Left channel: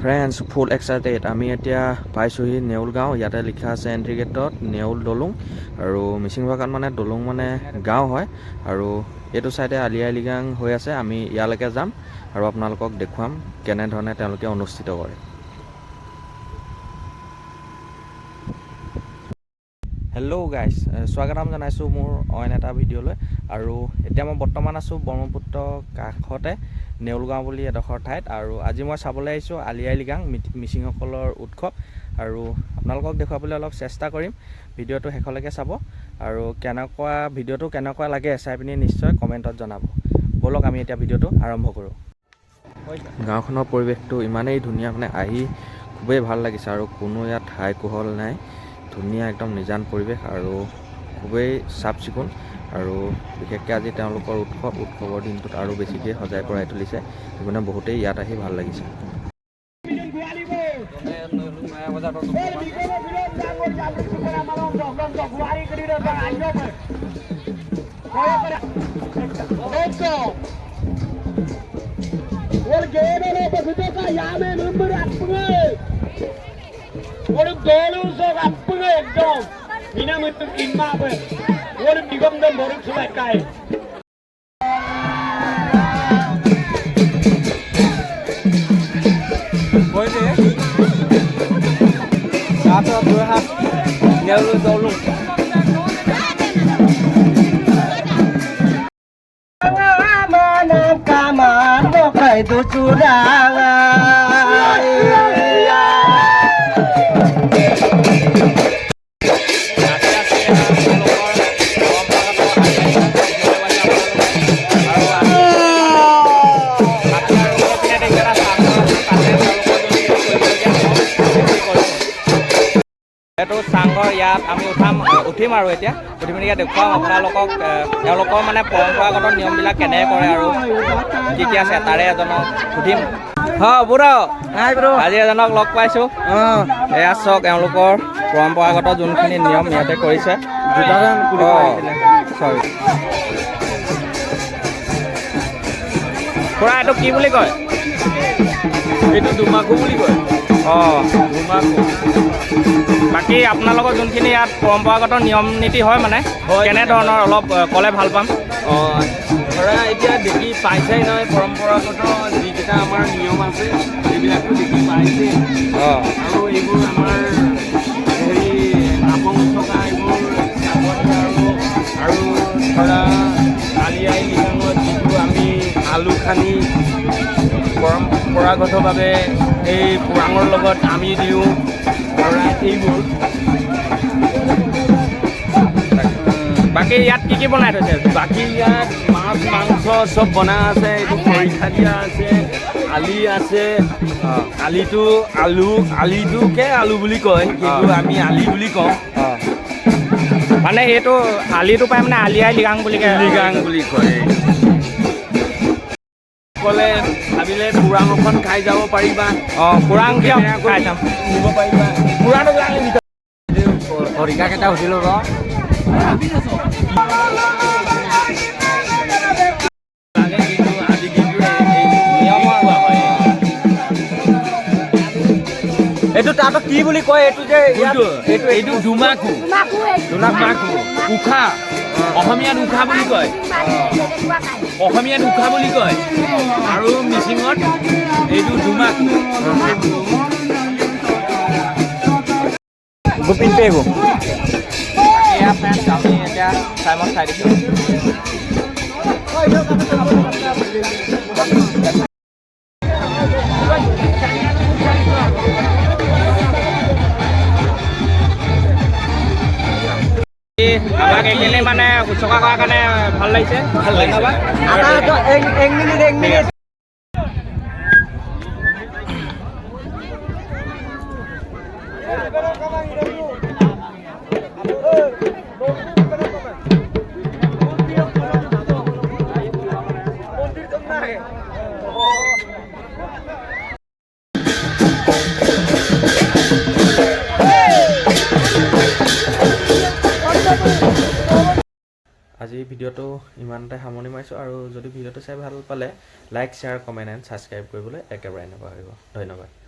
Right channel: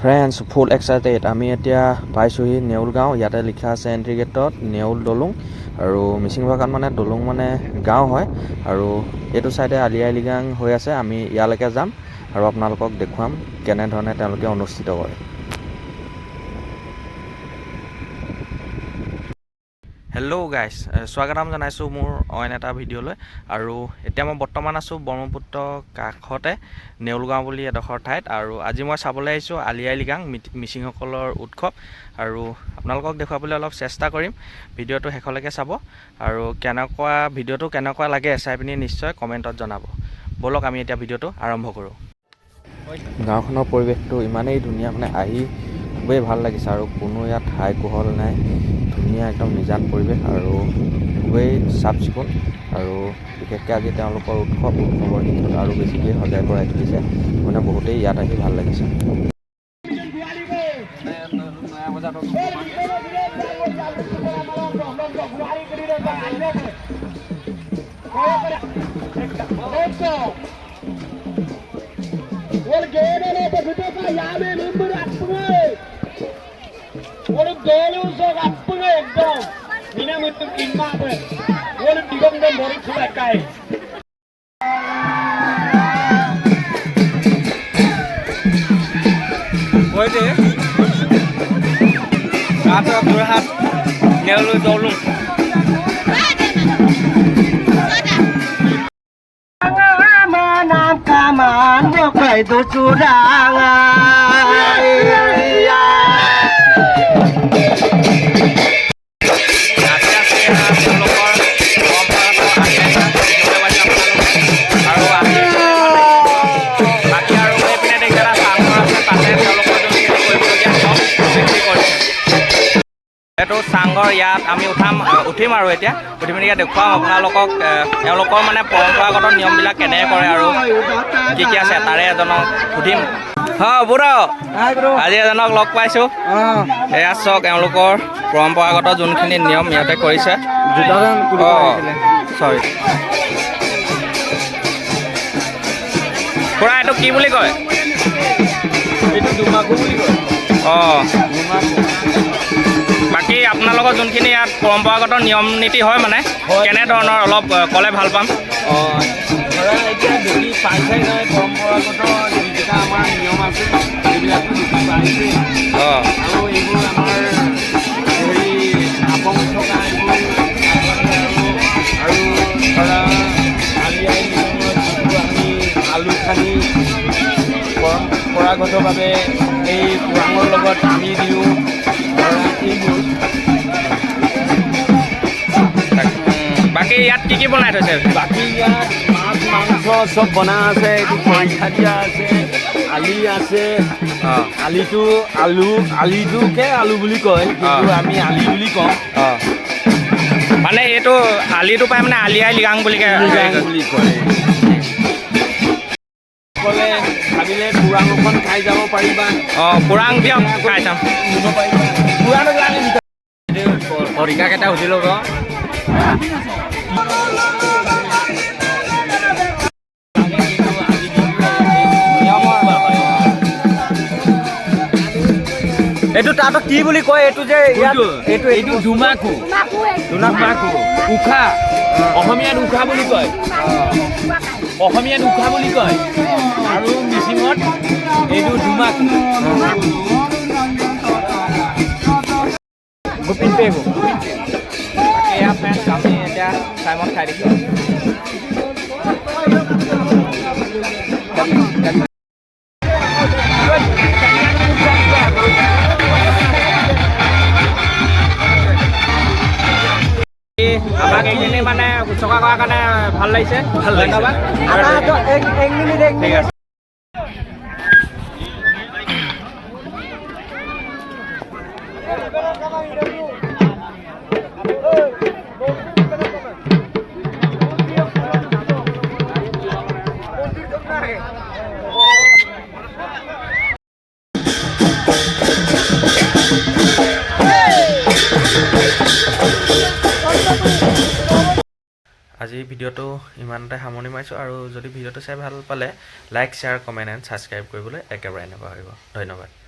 Friends ফুল excited. আমি এতিয়া পাইছোঁহি নেউল গাঁও। ইয়াতে লিখা আছে এণ্ট্ৰি গেটত নেউল দলুং আৰু মিচিং ভাষাত মানে দলুং মানে গাঁও হয় আৰু এইটো চাইডে আলি আই লৃগাং হৈ আছে। আমি ইয়ালৈকে যাম আৰু আপোনালোকক দেখুৱাম কেনেধৰণে তেওঁলোকে অনুষ্ঠিত কৰে। হেল্ল' গাইছ স্বাগতম জনাইছোঁ মোৰ অইন এটা ভিডিঅ'লৈ। আৰু এতিয়া মই বৰ্তমান আছোঁ ব্ৰহ্মপুত্ৰ কাষতে নেউলগাঁও বুলি এডোখৰ ঠাইত। আৰু আজি মই চাবলৈ আহিছোঁ আলি আই লৃগাং মিচিংসকলৰ উৎসৱ। আৰু আপোনালোকক দেখুৱাবলৈ অলপ চেষ্টা কৰিম। ভিডিঅ'টো শেষলৈকে চাব। আৰু কেনেকুৱা ভিডিঅ'টো কেনেকুৱা লাগে চাই পিনি নিশ্চয় কমেণ্টত জনাব। ব'লক আমি এতিয়া ভিডিঅ'টো আৰম্ভ কৰোঁ। গাঁওখনৰ পৰিৱেশটো ইমানেই ধুনীয়া মানে আহি খুবেই ভাল লাগিছে। আৰু কোনো ইয়াত হাই কোহল নাই। ধুনীয়া একদম নিজান পৰিৱেশ আৰু খুবেই চাফ চিকুণ আৰু বিশেষকৈ আজি তেওঁলোকৰ উৎসৱ, উৎসৱৰ দিনটোত আৰু বেছিকৈ সজাই পৰাই তুলিছে। মানে বহুতেই ইয়াত আহি ভালো লাগিছে। விட்டோம் இனமிட்டும் இன்னாமல் ஒரு நிகழ்ந்த ஒரு சுழக்காய் Kata berhat, nyelu tolong. Hãy subscribe cho kênh Ghiền Mì Gõ Để không bỏ lỡ những video hấp dẫn এইটো চাংঘৰ ইয়াত আমি উঠাম উঠিম আৰু এতিয়া। উঠি পিনি ইয়াত দেখুৱাম আপোনালোকক তেওঁলোকৰ মানে পৰম্পৰাগত নিয়মবিলাক কেনেকৈ কৰে আৰু কি কি আছে তাৰে এজনক সুধিম। হয় বুঢ় আজি এজনক লগ পাইছোঁ। এয়া চাওক এওঁলোকৰ পৰম্পৰাগত যোনখিনি নিয়ম ইয়াতে কৰিছে। অঁ চৰি। খুৰা এইটো কি বুলি কয়? এইটো দুমাকু বুলি কয়। অঁ। বাকী আপোনালোকৰ যোনখিনি ইয়াত পৰম্পৰাগত নিয়ম নীতি হয় মানে। কেনেধৰণৰ অলপ ক'লে ভাল পাম? অঁ ধৰা এতিয়া দেখি পাইছাই নহয় পৰম্পৰাগত যিকেইটা আমাৰ নিয়ম আছে সেইবিলাকো দেখি পাইছে অঁ। আৰু এইবোৰ আমাৰ হেৰি আপং থকা এইবোৰ আৰু আৰু ধৰা আলি আই লৃগাঙত যিটো আমি আলু খানি পৰম্পৰাগতভাৱে এই পোৰাঙৰ লগত আমি দিওঁ ধৰা এইবোৰ। বাকী ইয়াত কি কি বনাই থৈছে? বাকী ইয়াত মাছ মাংস চব বনাই আছে এইটো খৰিচা দিয়া আছে আলি আছে আলিটো আলু আলিটোকে আলু বুলি কয় কিন্তু আমি আলি বুলি কওঁ। মানে এইটো আলিটো পাই মানে আলি আই লৃগাং বুলি লিগাং বুলি কয়। ক'লে ভাবিলে পুৰাং অকণ খাই যাব পাৰিবা। অঁ পুৰাং দিয়ক খাই চাম নিব পাৰিবা। লাগে সুধি ল'ব এইটো তাতো কি বুলি কয়? এইটো যে এইটো এইটো ধুমাকু ধুমাকু উশা অসমীয়াত উশা বুলি কয়। অসমীয়াত উশা বুলি কয়। আৰু মিচিঙত এইটো ধুমাকু। পেহু এয়া ফ্ৰেণ্ডছ আমি এতিয়া টাইমত খাই দিছোঁ। আমাক এইখিনি মানে উচকা কৰাৰ কাৰণে ভালো লাগিছে। ধন্যবাদ। এক মিনিট এক মিনিট আজি ভিডিঅ'টো ইমানতে সামৰণি মাৰিছোঁ আৰু যদি ভিডিঅ'টো চাই ভালো পালে like share comment and subscribe কৰিবলৈ একেবাৰে নাপাহৰিব ধন্যবাদ।